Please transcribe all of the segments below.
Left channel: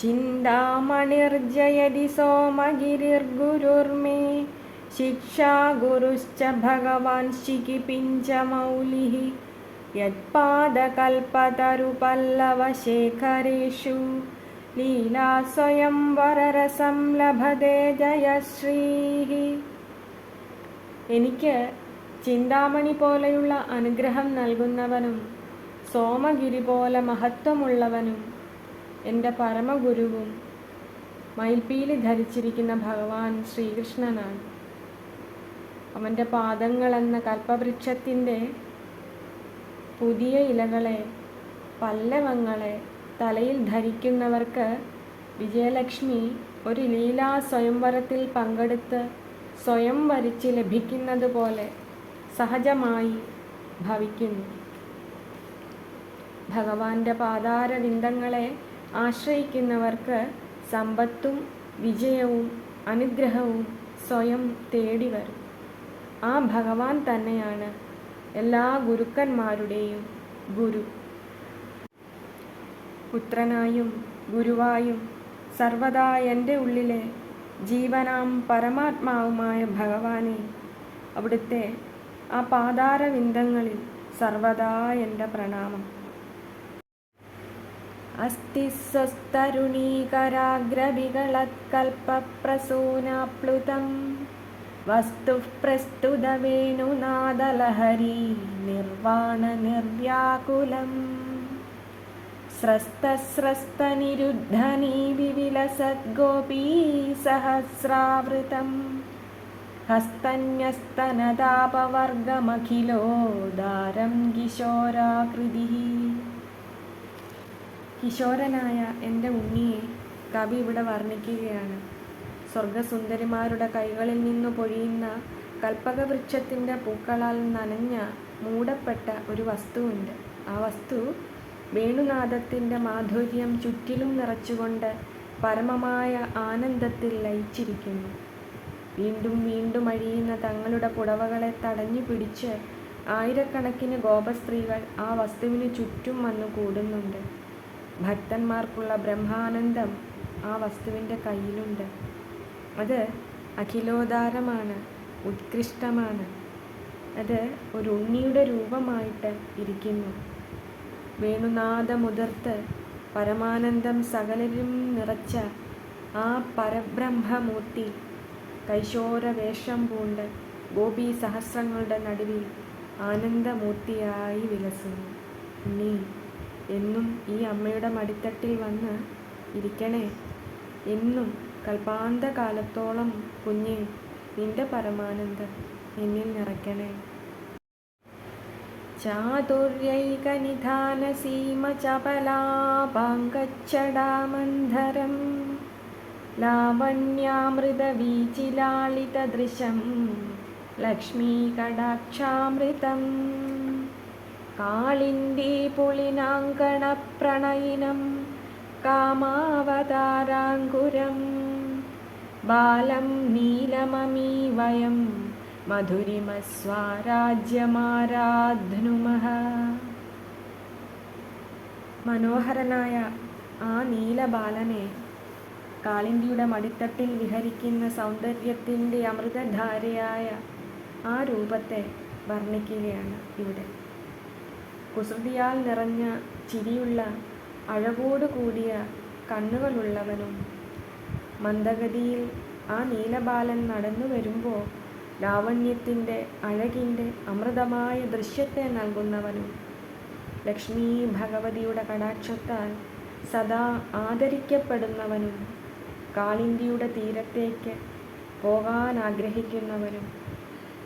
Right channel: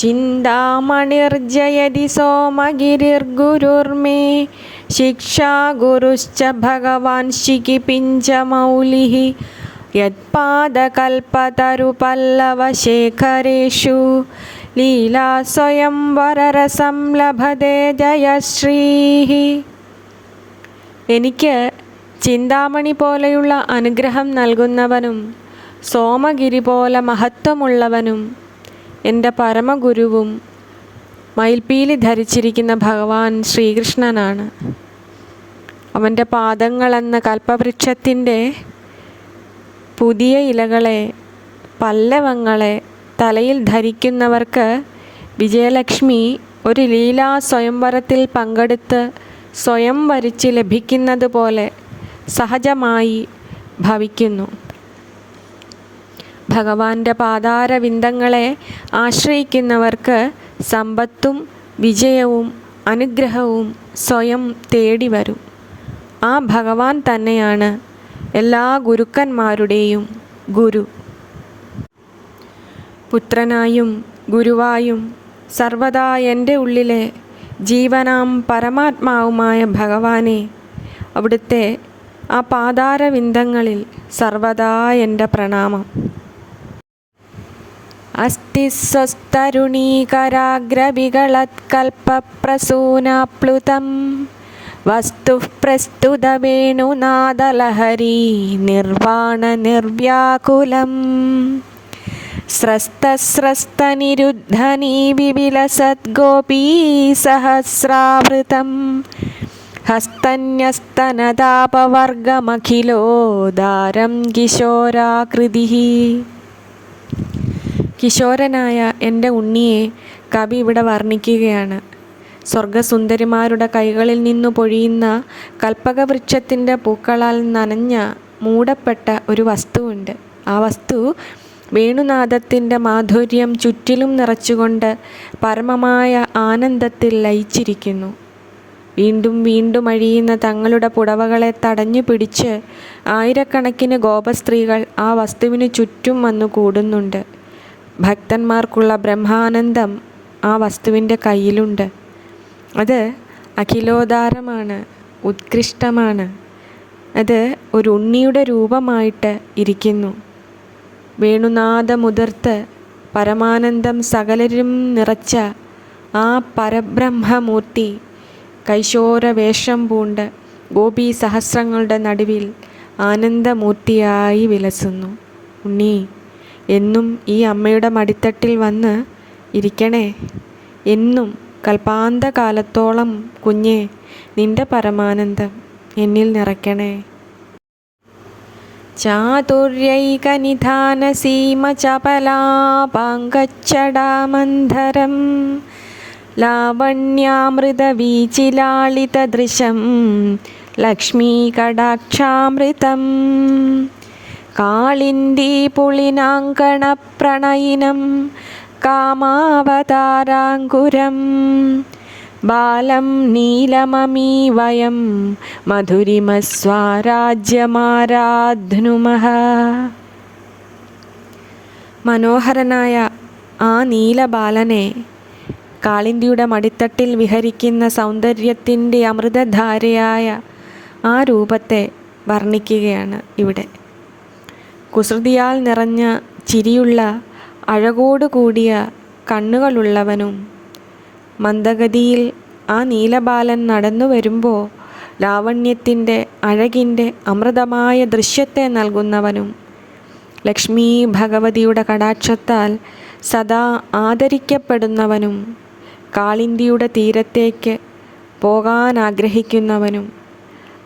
ചിന്താമണിർജയതി സോമഗിരിർഗുരുർമേ ശിക്ഷാ ഗുരുശ്ച ഭഗവാൻ ശിഖിപിഞ്ചമൗലിഃ യത്പാദകൽപതരുപല്ലവശേഖരേഷു ലീലാ സ്വയംവരരസം ലഭതേ ജയശ്രീഃ. എനിക്ക് ചിന്താമണി പോലെയുള്ള അനുഗ്രഹം നൽകുന്നവനും സോമഗിരി പോലെ മഹത്വമുള്ളവനും എൻ്റെ പരമഗുരുവും മയിൽപ്പീലി ധരിച്ചിരിക്കുന്ന ഭഗവാൻ ശ്രീകൃഷ്ണനാണ്. അവൻ്റെ പാദങ്ങളെന്ന കൽപ്പവൃക്ഷത്തിൻ്റെ പുതിയ ഇലകളെ, പല്ലവങ്ങളെ തലയിൽ ധരിക്കുന്നവർക്ക് വിജയലക്ഷ്മി ഒരു ലീലാ സ്വയംവരത്തിൽ പങ്കെടുത്ത് സ്വയം വരിച്ച് ലഭിക്കുന്നത് പോലെ സഹജമായി ഭവിക്കുന്നു. ഭഗവാന്റെ പാതാരവിന്ദങ്ങളെ ആശ്രയിക്കുന്നവർക്ക് സമ്പത്തും വിജയവും അനുഗ്രഹവും സ്വയം തേടി വരും. ആ ഭഗവാൻ തന്നെയാണ് എല്ലാ ഗുരുക്കന്മാരുടെയും ഗുരു. പുത്രനായും ഗുരുവായും സർവദാ എൻ്റെ ഉള്ളിലെ ജീവനാം പരമാത്മാവുമായ ഭഗവാനെ, അവിടുത്തെ ആ പാതാരവിന്ദങ്ങളിൽ സർവദാ എൻ്റെ പ്രണാമം. അസ്തി സ്വസ്തരുണീകരാഗ്രവികളത്കൽപ്പപ്രസൂനാപ്ലുതം വസ്തുഃ പ്രസ്തുതവേണുനാദലഹരീ നിർവാണനിർവ്യാകുലം സ്രസ്തസ്രസ്തനിരുദ്ധനീ വിപിലസദ്ഗോപീസഹസ്രാവൃതം ഹസ്തന്യസ്തനതാപവർഗമഖിലോദാരം കിശോരാകൃതിഃ. കിശോരനായ എൻ്റെ ഉണ്ണിയെ കവി ഇവിടെ വർണ്ണിക്കുകയാണ്. സ്വർഗസുന്ദരിമാരുടെ കൈകളിൽ നിന്നു പൊഴിയുന്ന കൽപ്പകവൃക്ഷത്തിൻ്റെ പൂക്കളാൽ നനഞ്ഞ മൂടപ്പെട്ട ഒരു വസ്തുവുണ്ട്. ആ വസ്തു വേണുനാദത്തിൻ്റെ മാധുര്യം ചുറ്റിലും നിറച്ചുകൊണ്ട് പരമമായ ആനന്ദത്തിൽ ലയിച്ചിരിക്കുന്നു. വീണ്ടും വീണ്ടും അഴിയുന്ന തങ്ങളുടെ പുടവകളെ തടഞ്ഞു പിടിച്ച് ആയിരക്കണക്കിന് ഗോപസ്ത്രീകൾ ആ വസ്തുവിന് ചുറ്റും വന്നു കൂടുന്നുണ്ട്. ഭക്തന്മാർക്കുള്ള ബ്രഹ്മാനന്ദം ആ വസ്തുവിൻ്റെ കയ്യിലുണ്ട്. അത് അഖിലോദാരമാണ്, ഉത്കൃഷ്ടമാണ്. അത് ഒരു ഉണ്ണിയുടെ രൂപമായിട്ട് ഇരിക്കുന്നു. വേണുനാദമുതിർത്ത് പരമാനന്ദം സകലരും നിറച്ച ആ പരബ്രഹ്മമൂർത്തി കൈശോരവേഷം പൂണ്ട് ഗോപീ സഹസ്രങ്ങളുടെ നടുവിൽ ആനന്ദമൂർത്തിയായി വിലസുന്നു. ഉണ്ണി, എന്നും ഈ അമ്മയുടെ മടിത്തട്ടിൽ വന്ന് ഇരിക്കണേ. എന്നും കൽപ്പാന്തകാലത്തോളം കുഞ്ഞെ, നിന്റെ പരമാനന്ദം എന്നിൽ നിറയ്ക്കണേ. ചാതുര്യൈകനിധാനസീമചപലാപാങ്കച്ചടാമന്ധരം ലാവണ്യാമൃതവീചിലാളിതദൃശം ലക്ഷ്മീകടാക്ഷാമൃതം കാളിന്ദീപുളിനാങ്കണപ്രണയിനം കാമാവതാരാങ്കുരം ബാലം നീലമമീവയം മധുരിമസ്വാരാജ്യമാരാധ്നുമഃ. മനോഹരനായ ആ നീലബാലനെ, കാളിന്ദിയുടെ മടിത്തട്ടിൽ വിഹരിക്കുന്ന സൗന്ദര്യത്തിൻ്റെ അമൃതധാരയായ ആ രൂപത്തെ വർണ്ണിക്കുകയാണ് ഇവിടെ. കുസൃതിയാൽ നിറഞ്ഞ ചിരിയുള്ള അഴകോടുകൂടിയ കണ്ണുകളുള്ളവനും മന്ദഗതിയിൽ ആ നീലബാലൻ നടന്നു വരുമ്പോൾ ലാവണ്യത്തിൻ്റെ അഴകിൻ്റെ അമൃതമായ ദൃശ്യത്തെ നൽകുന്നവനും ലക്ഷ്മീ ഭഗവതിയുടെ കടാക്ഷത്താൽ സദാ ആദരിക്കപ്പെടുന്നവനും കാളിന്ദിയുടെ തീരത്തേക്ക് പോകാൻ ആഗ്രഹിക്കുന്നവനും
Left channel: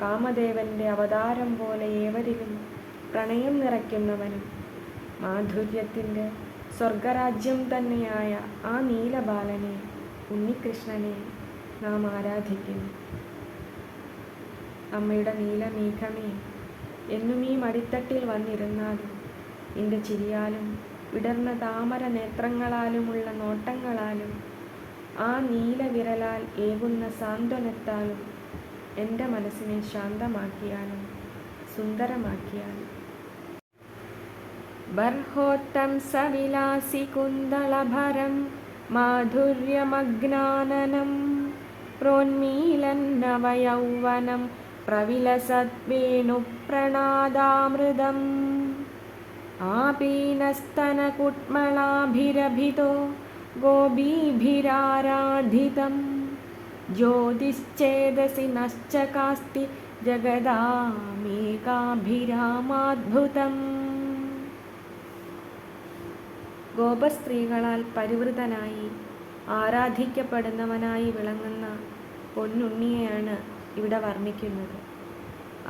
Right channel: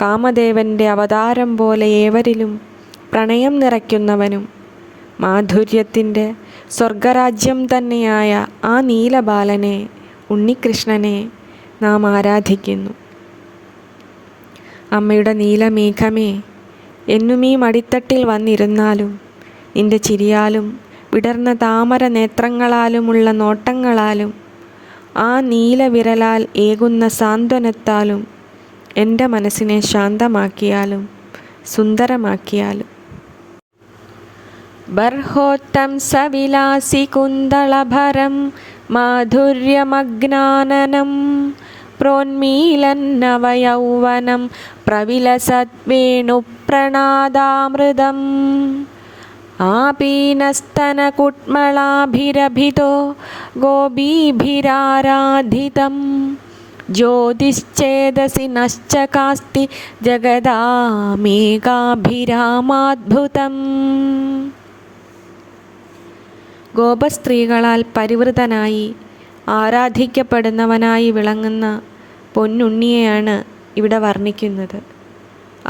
കാമദേവൻ്റെ അവതാരം പോലെ ഏവരിലും പ്രണയം നിറയ്ക്കുന്നവനും മാധുര്യത്തിൻ്റെ സ്വർഗരാജ്യം തന്നെയായ ആ നീലബാലനെ, ഉണ്ണികൃഷ്ണനെ നാം ആരാധിക്കുന്നു. അമ്മയുടെ നീലമേഘമേ, എന്നും ഈ മടിത്തട്ടിൽ വന്നിരുന്നാലും നിന്റെ ചിരിയാലും വിടർന്ന താമര നേത്രങ്ങളാലുമുള്ള നോട്ടങ്ങളാലും ആ നീലവിരലാൽ ഏകുന്ന സാന്ത്വനത്താലും എൻ്റെ മനസ്സിനെ ശാന്തമാക്കിയാലും സുന്ദരമാക്കിയാലും ബർഹോത്തം സവിലാസി കുന്തളഭരം മാധുര്യമഗ്നാനനം പ്രോന്മീലന്നവയൗവനം പ്രവിലസദ്വേണുപ്രണാദാമൃതം ആപീനസ്തനകുട്മളാഭിരഭിതോ ഗോപീഭിരാരാധിതം ജ്യോതിശ്ചേതസി നശ്ചകാസ്തി ജഗദാമേകാഭിരാമാദ്ഭുതം. ഗോപസ്ത്രീകളാൽ പരിവൃതനായി ആരാധിക്കപ്പെടുന്നവനായി വിളങ്ങുന്ന പൊന്നുണ്ണിയെയാണ് ഇവിടെ വർണ്ണിക്കുന്നത്.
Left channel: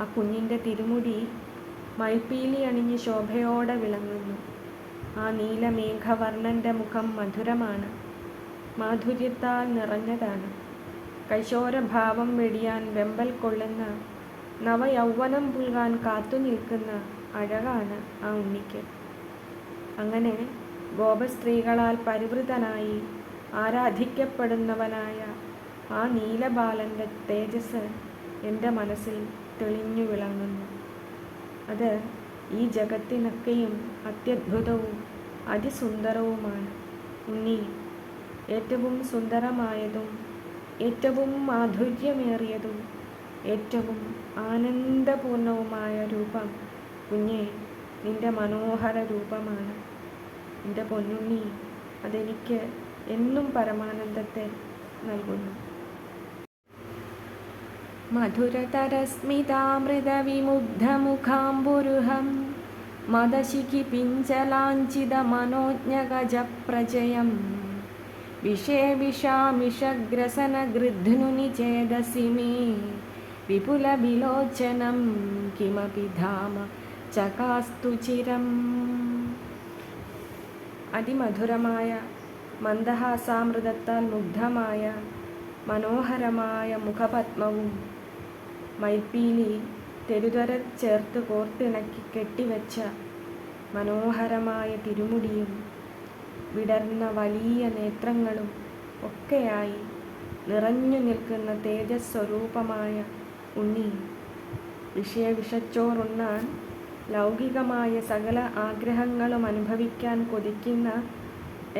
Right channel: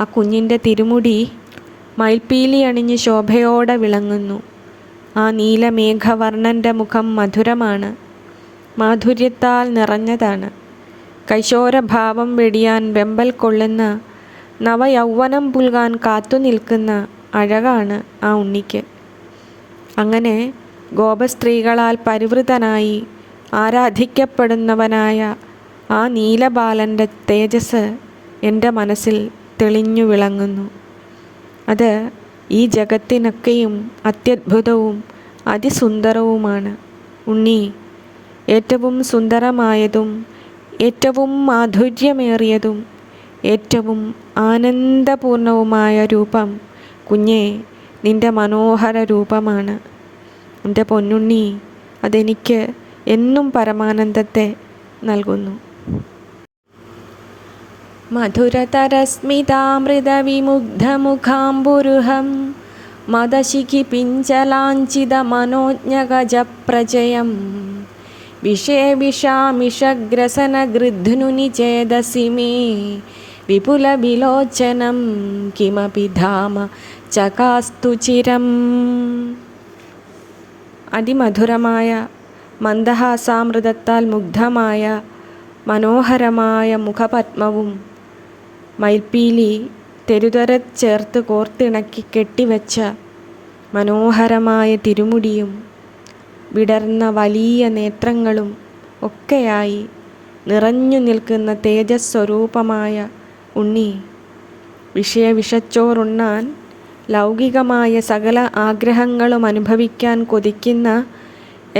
ആ കുഞ്ഞിൻ്റെ തിരുമുടി മയിൽപ്പീലി അണിഞ്ഞ് ശോഭയോടെ വിളങ്ങുന്നു. ആ നീലമേഘവർണ്ണൻ്റെ മുഖം മധുരമാണ്, മാധുര്യത്താൽ നിറഞ്ഞതാണ്. കൈശോരഭാവം വെടിയാൻ വെമ്പൽ കൊള്ളുന്ന, നവയൗവനം പുൽകാൻ കാത്തുനിൽക്കുന്ന അഴകാണ് ആ ഉണ്ണിക്ക്. അങ്ങനെ ഗോപസ്ത്രീകളാൽ പരിവൃതനായി ആരാധിക്കപ്പെടുന്നവനായ ആ നീലബാലൻ്റെ തേജസ് എൻ്റെ മനസ്സിൽ തെളിഞ്ഞു വിളങ്ങുന്നു. അത് ഈ ജഗത്തിനൊക്കെയും അത്യദ്ഭുതവും അതിസുന്ദരവുമാണ്. ഉണ്ണി ഏറ്റവും സുന്ദരമായതും ഏറ്റവും മാധുര്യമേറിയതും ഏറ്റവും ആനന്ദപൂർണവുമായ രൂപം കുഞ്ഞേ നിൻ്റെ മനോഹര രൂപമാണ്. എൻ്റെ പൊന്നുണ്ണി, അതെനിക്ക് എന്നും പരമാനന്ദത്തെ നൽകുന്നു. മധുരതരസ്മിതാമൃതവിമുഗ്ധമുഖാംബുരുഹം മദശിഖി പിഞ്ചലാഞ്ചിതമനോജ്ഞഗജപ്രജയം വിഷേവിഷാമിഷഗ്രസനഗൃധ്നുനി ചേതസി മേ വിപുലവിലോചനം കിമപി ധാമ ചകാസ്തു ചിരം. അതിമധുരമായ മന്ദഹാസാമൃതത്താൽ മുഗ്ധമായ മനോഹരമായ മുഖപത്മവും മയിൽപ്പീലി തെരുതെരെ ചേർത്ത് കോർത്തിണക്കി കെട്ടിവെച്ച മനോഹരമായ തിരുമുടിയും വിടർന്ന വലിയ നേത്രങ്ങളും ഒക്കെയായി നിറഞ്ഞു നിൽക്കുന്ന തേജസ്വരൂപമായ ഉണ്ണി, വിഷച്ചോറുണ്ണാൻ ലൗകികമായ സകല ആഗ്രഹങ്ങളും അനുഭവിക്കാൻ കൊതിക്കുന്ന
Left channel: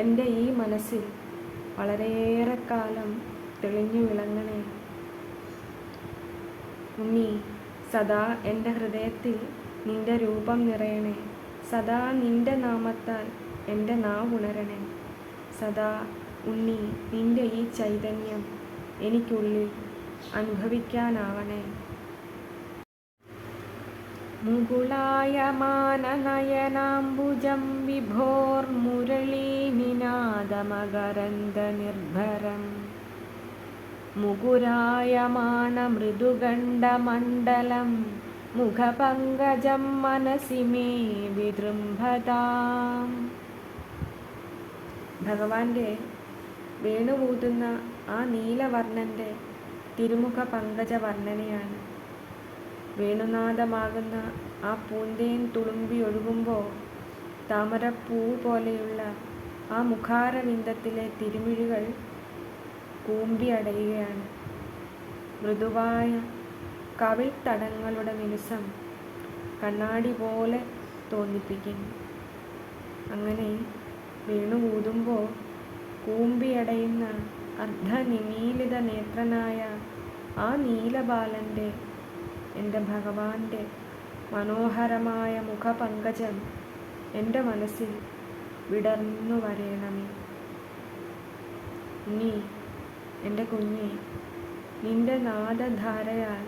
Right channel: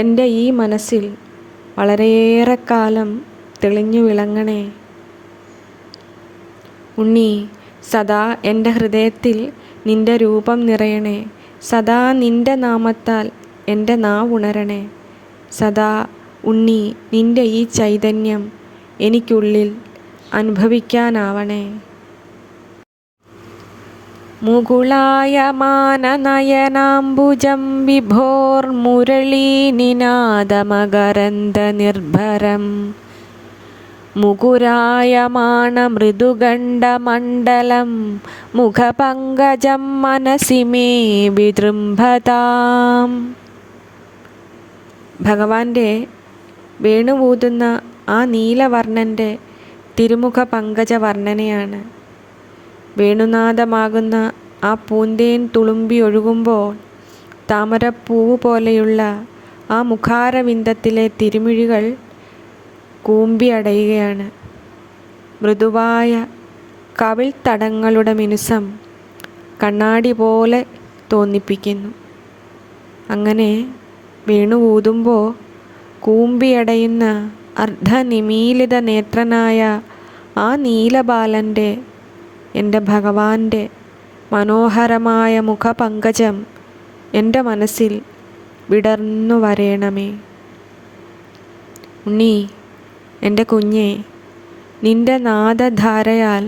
എൻ്റെ ഈ മനസ്സിൽ വളരെയേറെ കാലം തെളിഞ്ഞു വിളങ്ങണേ. ഉണ്ണി, സദാ എൻ്റെ ഹൃദയത്തിൽ നിൻ്റെ രൂപം നിറയണേ. സദാ നിൻ്റെ നാമത്താൽ എൻ്റെ നാവുണരണേ. സദാ ഉണ്ണി നിൻ്റെ ഈ ചൈതന്യം എനിക്കുള്ളിൽ അനുഭവിക്കാനാവണേ. മുകുളായമാനനയനാംബുജം വിഭോർമുരളീനിനാദമകരന്ദനിർഭരം മുകുരായമാണമൃദുഗണ്ഡമണ്ഡലം മുഖപങ്കജം മനസി മേ വിജൃംഭതാം. ഭഗവാന്റെ വേണുവൂതുന്ന ആ നീലവർണ്ണൻ്റെ തിരുമുഖ പങ്കജ വർണ്ണനയാണ്. വേണുനാദമാകുന്ന ആ പൂന്തേൻ തുളുമ്പി ഒഴുകുമ്പോൾ താമരപ്പൂവ് പോലെയുള്ള ആ മുഖാരവിന്ദത്തിലെ തിരുമിഴികൾ കൂമ്പിയടയുകയാണ്. മൃദുവായ കവിൾ തടങ്ങളുടെ മിനുസം കണ്ണാടി പോലെ തോന്നിപ്പിക്കുന്നു. അങ്ങനെ വേണുവൂതുമ്പോൾ കൂമ്പിയടയുന്ന അർദ്ധനിമീലിത നേത്രനായ ആ നീലബാലൻ്റെ, എൻ്റെ ഭഗവാന്റെ മനോഹരമായ മുഖപങ്കജം എൻ്റെ മനസ്സിൽ വിടർന്നു വരേണമേ. ഉണ്ണി, എൻ്റെ കുഞ്ഞെ, നിൻ്റെ നാദധാരയാൽ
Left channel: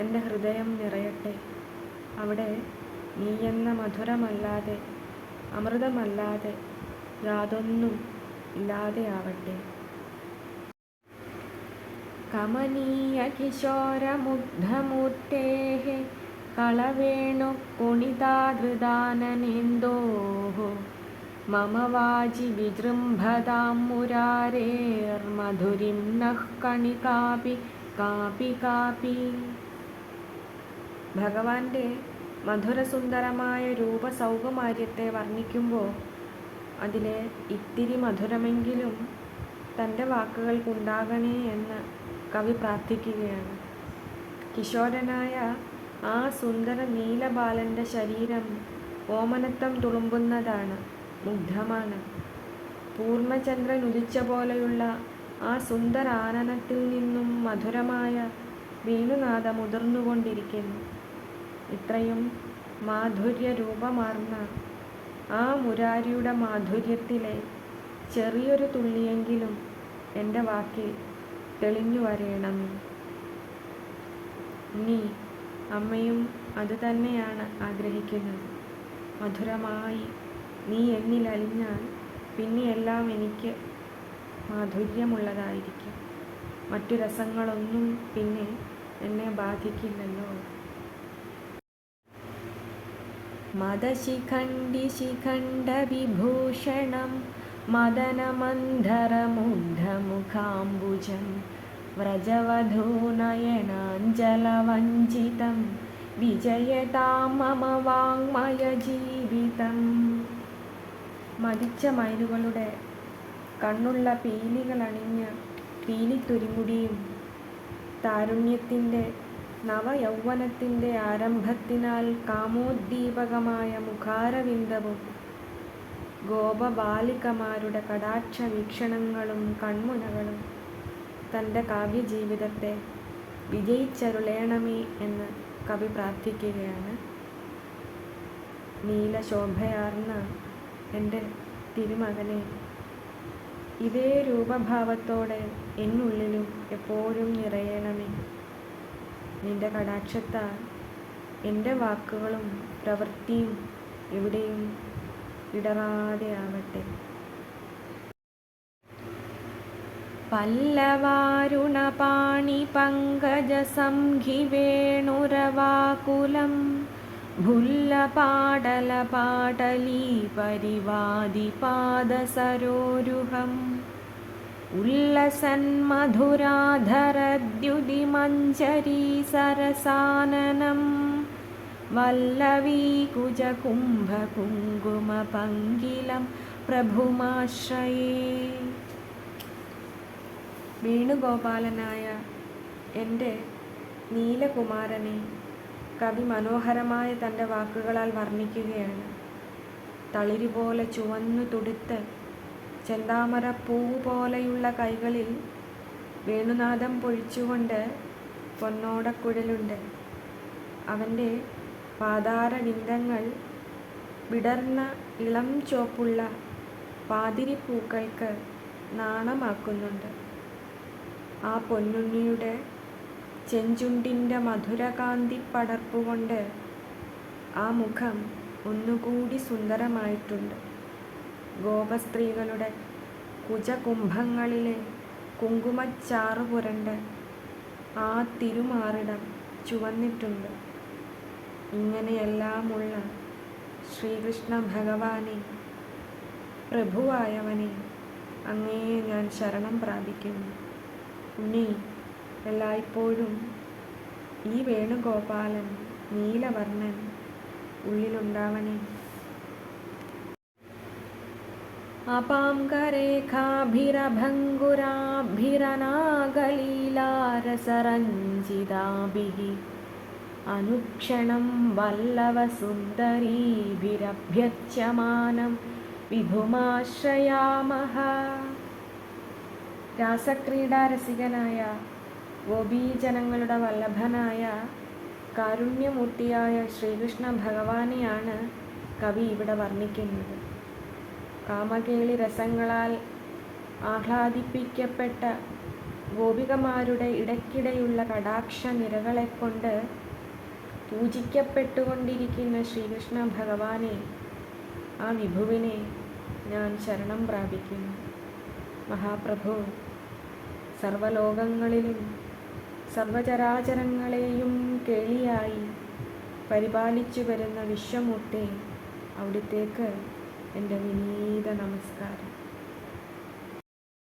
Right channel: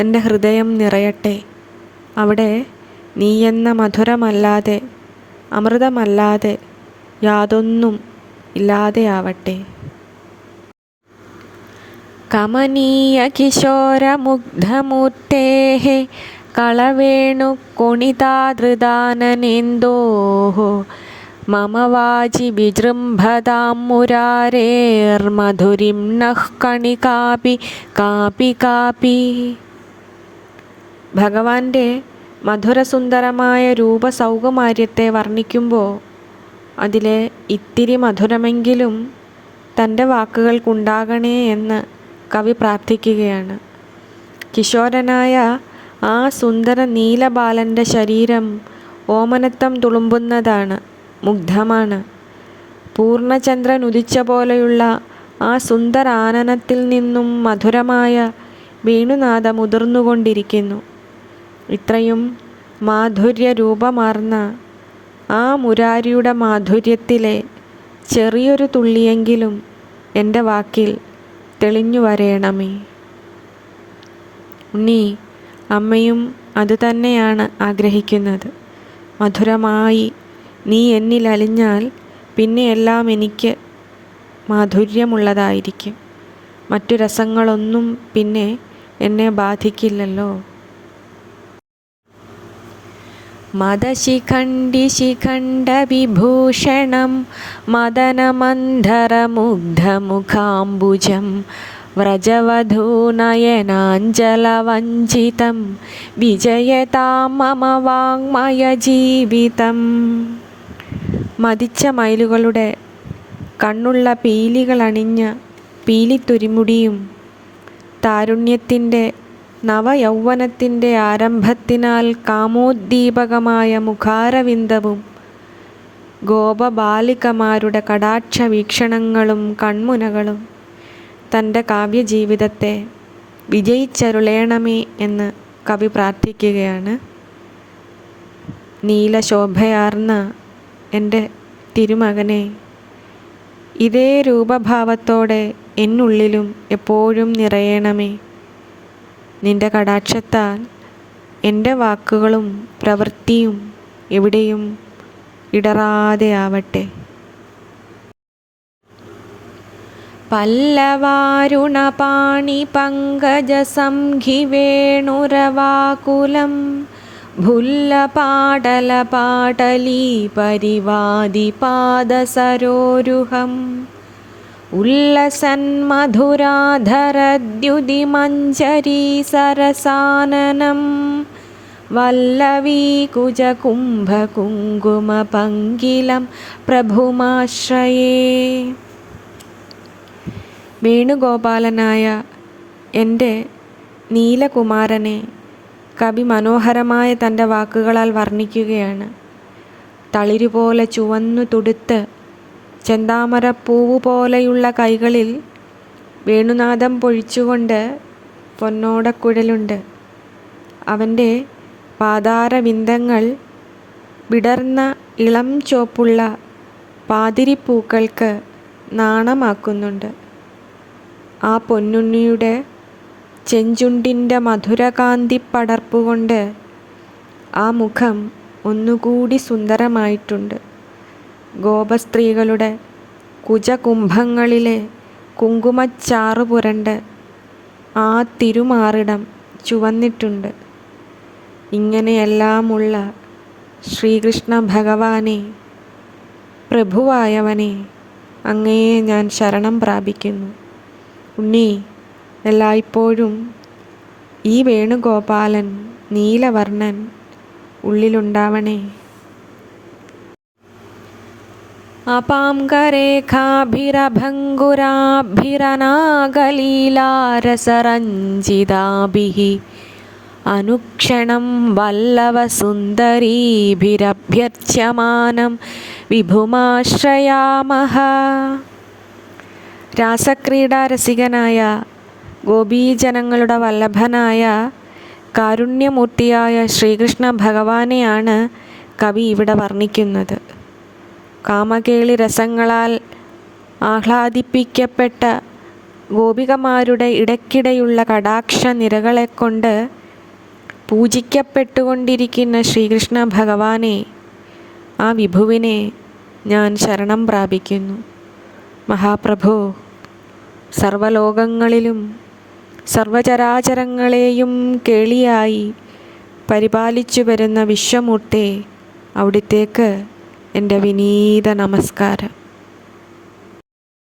എൻ്റെ ഹൃദയം നിറയട്ടെ. അവിടെ നീയെന്ന മധുരമല്ലാതെ, അമൃതമല്ലാതെ യാതൊന്നും ഇല്ലാതെയാവട്ടെ. കമനീയ കിശോരമുഗ്ധമൂർത്തേഃ കളവേണുകൊണിതാധൃതാനനേന്ദോഃ മമ വാചി വിജൃംഭതാം മുരാരേർമധുരിം നഃ കണികാപി കാപി കാപി. ഭഗവാന്റെ മധുരസുന്ദരമായ രൂപസൗകുമാര്യത്തെ വർണ്ണിക്കുമ്പോൾ അതിലെ ഇത്തിരി മധുരമെങ്കിലും തൻ്റെ വാക്കുകൾക്കുണ്ടാകണേ എന്ന് കവി പ്രാർത്ഥിക്കുകയാണ്. കിശോരനായ ആ സുന്ദര നീലബാലൻ്റെ ശരീരം ഓമനത്തം തുളുമ്പുന്നതാണ്, മുഗ്ധമാണ്. പൂർണ്ണചന്ദ്രൻ ഉദിച്ച പോലെയുള്ള ആ സുന്ദരാനനത്തിൽ നിന്നും മധുരമായ വേണുനാദം ഉതിർന്നുകൊണ്ടിരിക്കുന്നു. ഇത്രയും മാധുര്യ രൂപമാർന്ന ആ മുരാരിയുടെ മാധുര്യത്തിലെ ചെറിയൊരു തുള്ളിയെങ്കിലും എൻ്റെ വാക്കിൽ തെളിഞ്ഞു വരേണമേ. ഉണ്ണി, അമ്മയും അതുതന്നെയാണ് ആഗ്രഹിക്കുന്നത്. മധുരമായി നീ എന്നിൽ അലിഞ്ഞാൽ പിന്നെ എല്ലാം എനിക്ക് മാധുര്യമുള്ളതായിരിക്കും. മറ്റു രസങ്ങളൊന്നും പിന്നെ എന്നെ ബാധിക്കില്ലല്ലോ. മദശിഖണ്ഡിശിഖണ്ഡവിഭൂഷണം മദനമന്ധരമുഗ്ധമുഖാംബുജം വ്രജവധൂനയനാഞ്ജലവഞ്ചിതം വിജയതാം മമ വാങ്മയജീവിതം. മതിച്ച മയിലുകളുടെ കണ്ണുള്ള പീലികളണിഞ്ഞ പീലിത്തുരിമുടിയും താരുണ്യത്തിൻ്റെ നവയൗവനത്തിൻ്റെ ആരംഭത്തിനാൽ കാമോദ്ദീപകമായ മുഖാരവിന്ദവും ഗോപബാലികമാരുടെ കടാക്ഷ വീക്ഷണങ്ങളും കൺമുനകളും തൻ്റെ കാവ്യജീവിതത്തെ വിജയിച്ചരുളേണമേ എന്ന് കവി പ്രാർത്ഥിക്കുകയാണ്. നീലശോഭയാർന്ന എൻ്റെ തിരുമകനെ, ഇതേ രൂപഭാവത്തോടെ എന്നുള്ളിലും എപ്പോഴും നിറയണമേ. നിന്റെ കടാക്ഷത്താൽ എൻ്റെ വാക്കുകളും പ്രവൃത്തിയും എവിടെയും ഇടറാതെ ആവട്ടെ. പല്ലവാരുണപാണി പങ്കജസംഘിവേണുരവാകുലം ഭുല്ലപാടലപാടലീ പരിവാദിപാദസരോരുഹം ഉല്ലസന്മധുരാധരദ്യുതിമഞ്ജരീ സരസാനനം വല്ലവീകുജകുംഭകുങ്കുമപങ്കിലം പ്രഭുമാശ്രയേ. വേണുഗോപാലനായ എൻ്റെ നീലകുമാരനെ കവി മനോഹരമായ തൻ്റെ വാക്കുകളാൽ വർണ്ണിക്കുകയാണ്. തളിരുപോലെ ചുവന്നു തുടുത്ത് ചെന്താമരപ്പൂവ് പോലെയുള്ള കൈകളിൽ വേണുനാദം പൊഴിച്ചുകൊണ്ട് പൊന്നോടക്കുഴലുണ്ട്. അവൻ്റെ പാതാരവിന്ദങ്ങൾ വിടർന്ന ഇളം ചുവപ്പുള്ള പാതിരിപ്പൂക്കൾക്ക് നാണമാക്കുന്നുണ്ട്. ആ പൊന്നുണ്ണിയുടെ ചെഞ്ചുണ്ടിൻ്റെ മധുരകാന്തി പടർപ്പുകൊണ്ട് ആ മുഖം ഒന്നുകൂടി സുന്ദരമായിട്ടുണ്ട്. ഗോപസ്ത്രീകളുടെ കുജകുംഭങ്ങളിലെ കുങ്കുമച്ചാറു പുരണ്ട് ആ തിരുമാറിടം ചുവന്നിട്ടുണ്ട്. ഇങ്ങനെയെല്ലാമുള്ള ശ്രീകൃഷ്ണ ഭഗവാനെ, പ്രഭുവായവനെ, അങ്ങയെ ഞാൻ ശരണം പ്രാപിക്കുന്നു. ഉണ്ണി, എല്ലായ്പ്പോഴും ഈ വേണുഗോപാലൻ നീലവർണ്ണൻ ഉള്ളിലുണ്ടാവണേ. അപാംകരേഖാഭിരഭംഗുരാഭിരനാഗലീലാരസരഞ്ജിതാഭിः അനുക്ഷണം വല്ലവസുന്ദരീഭിരഭ്യർച്യമാനം വിഭുമാശ്രയാമഃ. രാസക്രീഡാരസികനായ ഗോപീജനങ്ങളുടെ വല്ലഭനായ കാരുണ്യമൂർത്തിയായ ശ്രീകൃഷ്ണ ഭഗവാനെയാണ് കവി ഇവിടെ വർണ്ണിക്കുന്നത്. കാമകേളി രസങ്ങളാൽ ആഹ്ലാദിപ്പിക്കപ്പെട്ട ഗോപികമാരുടെ ഇടയ്ക്കിടെയുള്ള കടാക്ഷ നിരകളെക്കൊണ്ട് പൂജിക്കപ്പെട്ടുകൊണ്ടിരിക്കുന്ന ശ്രീകൃഷ്ണ ഭഗവാനെ, ആ വിഭുവിനെ ഞാൻ ശരണം പ്രാപിക്കുന്നു. മഹാപ്രഭു, സർവലോകങ്ങളിലും സർവചരാചരങ്ങളെയും കേളിയായി പരിപാലിച്ചു വരുന്ന വിശ്വമൂർത്തേ, അവിടുത്തേക്ക് എൻ്റെ വിനീത നമസ്കാരം.